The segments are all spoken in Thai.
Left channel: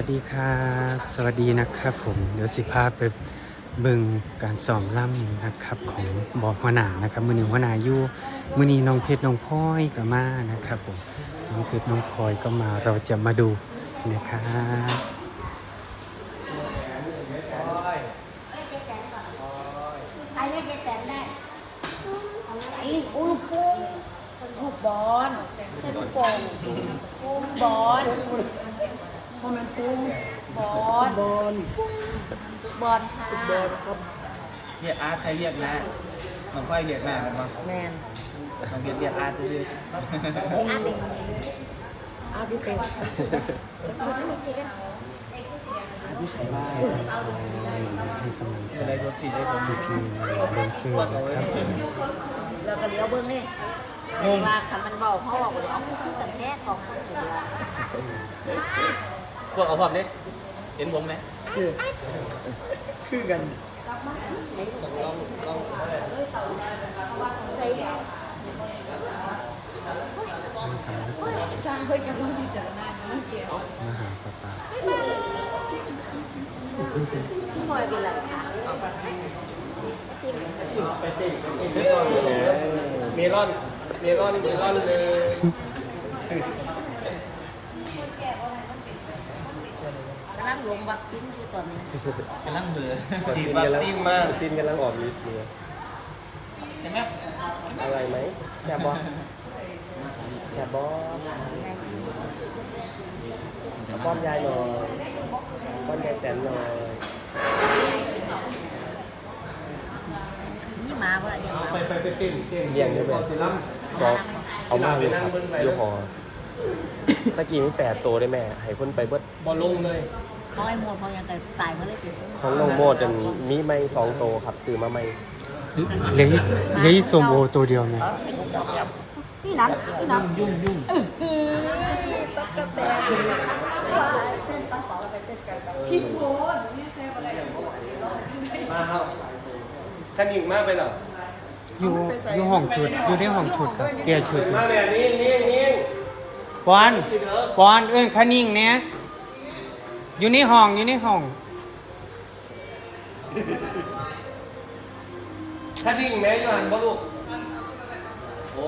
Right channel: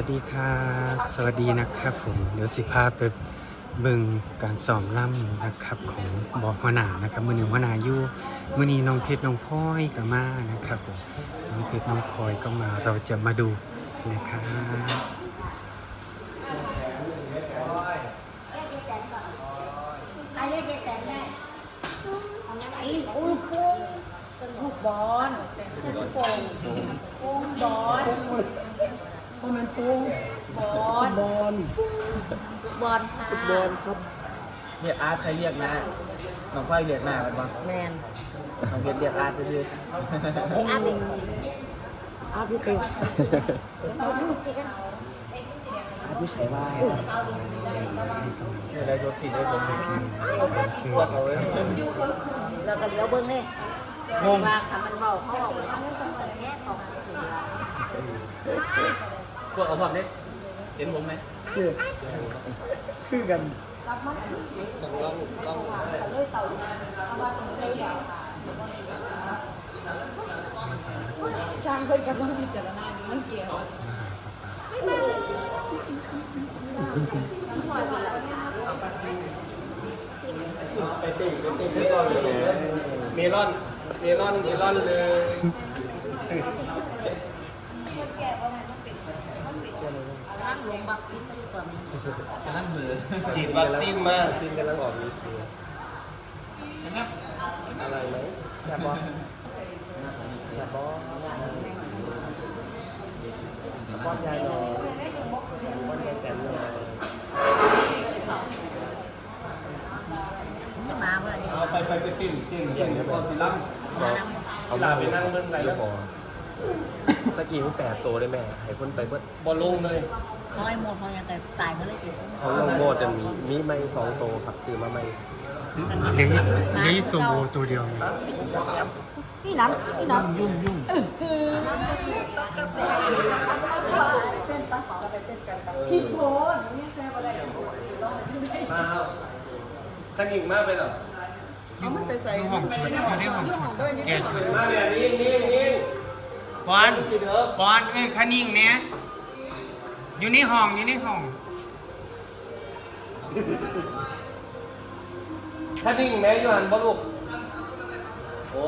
วัสดีครับ สวัสดีนะครับผม เดี๋ยวสิพาไปเบิ่งการซ้อมล่ำนะครับของบอหัวหน้านะครับ มือหนึ่งหัวหน้าอยู่มือนี้น้องเพชรน้องพลอยก็มานะครับผม น้องเพชรน้องพลอยก็มา เราจะมาดูนะครับไอ้เล็กแตนได้ไอ้อุ้ยปุ้งลูกบอลลูกโป่งปุ้งบอล ปุ้งมันปุ้งบอลบอลบอลค่ะเรียกอาร์ตใครเรียกนะน้องค่อยเรียกแม่กันบ้างแมนน้องเพชรเรียกอาร์ตไปเลยไอ้อาร์ตเองอาร์ตพี่เป็นอาร์ตผู้ชายบ้านให้กำลังใจจะได้สดสีได้ผมดีทีมเดนเซอร์นะครับผมเราก็เลี้ยวเบิ้งนี่ว่าคำมันบอกเขาบอกว่าเอาสังกัดแค่สองคนพ วกเอาพร้อมเด็กเห็นผมไหมคือคือกันจังลองลองช่างเพื่อนกับน้องพิจารณาเมื่อกี้มาหาป้าป้าพลอยเป็นไรคะไปติ่งไปติ่งไม่ต้องเลยเมลอนเมลอนเมลอนเลย ร่าง หลวงวัคซีนอยู่ตอนนี้กำลังเบื่อฉีดวัคซีนมาวัคซีนกำลังออกมีเกลืออะไรไหมแซ่บบอแซ่บบอป้อนยายหน่อยป้อนยายแตนหน่อยนี่มาเมื่อไหร่เอาไปไปไปติ้มติ้มเรียงด้วยกันสิลัมซอเอาหน้าไปนั่งยี่ห้อตะกี้มันแปดตัวได้แม่ให้คนไปเบิดบอลลงเลย เขาไอ้โมดเขายังแต่ตายเมื่อไรติดทั้งน้องโมดจะมีมีไม่สองตัวครับซื้อมาไม่เหลยเหลยโซโมตัวเดียวไงนี่นั้นนี่นั้นยุ่งยุ่งมาครับกันยิงมากไปเหรออยู่อยู่ห้องชุดอยู่ในห้องชุดครับเกียร์ชุดมาเนี่ยนี่นี่นี่ปอนสิเด้อปอนเอ้ยขานิ่งเนี่ย อยู่ในห้องอยู่ในห้องคันยิงแม่อยู่หันบ่ลูกโอ้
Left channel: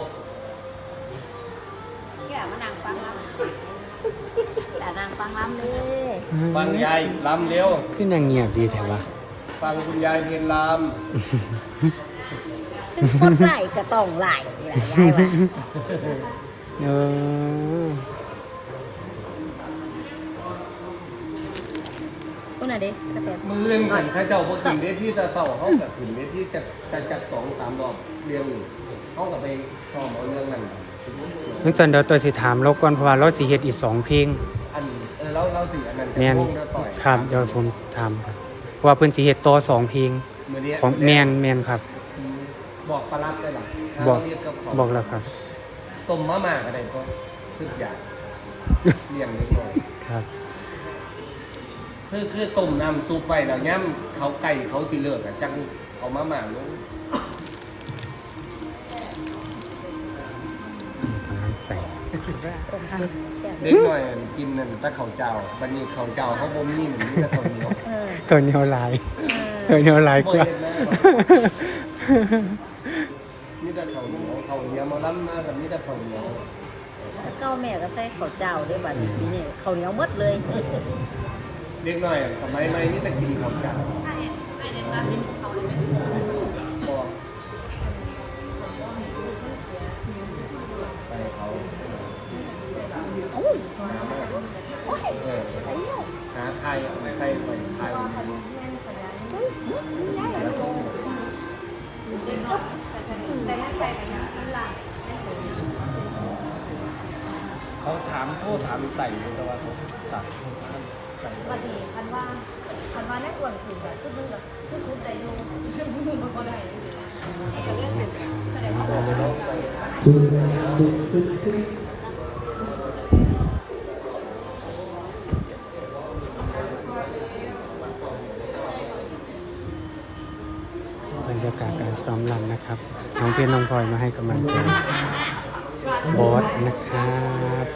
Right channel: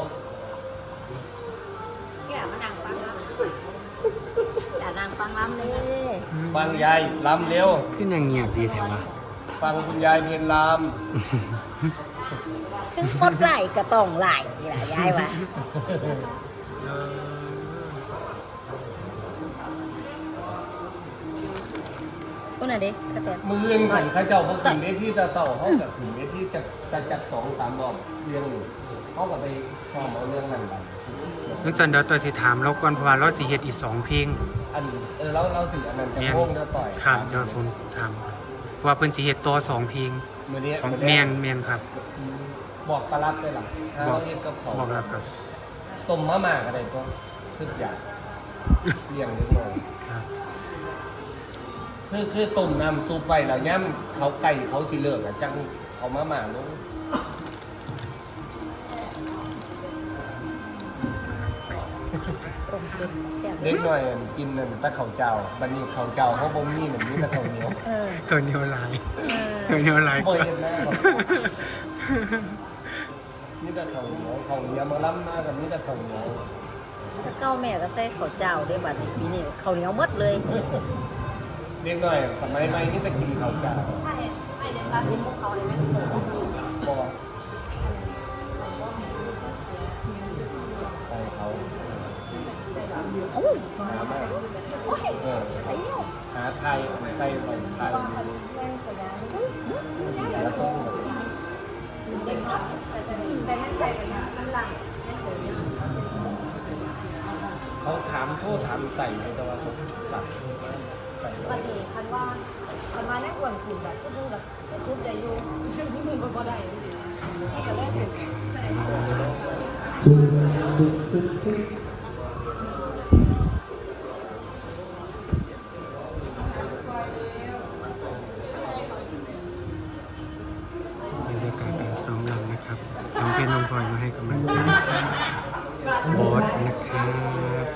แกมานั่งฟังลำอย่านั่งฟังลำเลยฟังยายลำเร็วคือนางเงียบดีแถวะฟังคุณยายเพลงลถึงกดไหลก็ต้องไหลนี่แหละยายว่าเออ คนไหนดิกระแตๆมืออื่นกันข้าเจ้าพวกถึงเวทีตะเสาเขากับถึงเวทีจากจากจากสองสามรอบเรียงอยู่เขากับไปซ้อมเอาเรื่องมันนั่นจันเดี๋ยวตัวสิถามเราก่อนเพราะว่าเราสิเฮ็ดอีกสองเพลงอันเออแล้วเราสิอันนั้นจะแม่นวงจะต่อยครับเดี๋ยวผมถามเพราะว่าเพิ่นสิเฮ็ดต่อสองเพลงมือนี้ของแมนแมนครับ บอกปลาลับเลยหรอบอกเรียกเจ้าของบอกแล้วครับต้มมะม่าอะไรก็ทุกอย่างเลี้ยงนิดหน่อยครับ คือคือต้มยำซุปไว้แล้วย่ำเขาไก่เขาสิเลิกอะจังเอามะม่าลงใส่ตรงสิแซ่บเด็กหน่อยกินนั่นตะเขาเจ้าบันนี้เขาเจ้าเขาบ่มีเหมือนนี้ตะเขาเหนียวเออตัวเหนียวหลายเอตัวอเหนียวหลายกว่า นี่ตะเขาเหนียวเขาเหนียวมาล้ำมากกับนี่ตะเขาเหนียวแล้วก็แม่ก็ใส่ข้าวเจ้าด้วยบัดนี้ปีนี้ข้าวเหนียวหมดเลย เด็กหน่อยสมัยใหม่นี่จะกินเขาเจ้าบ่โอ้ยโอ้ยเออไอ้เนี่ยหาไทยเอามาใส่ไปไทยเสียทรงแบบเขาถามโทษถามใส่เลยแต่ว่าเขาตัด ใส่ไว้คันว่าคันว่านักอ้วนคือแบบชุดดูแบบชุดได้อยู่ชุดดูดูบ่ได้ก็เลยเป็นแสดงว่าบรรยากาศการซ้อมรำนะครับ น้องเพชรน้องพลอยมาให้กำลังใจบอสนะครับ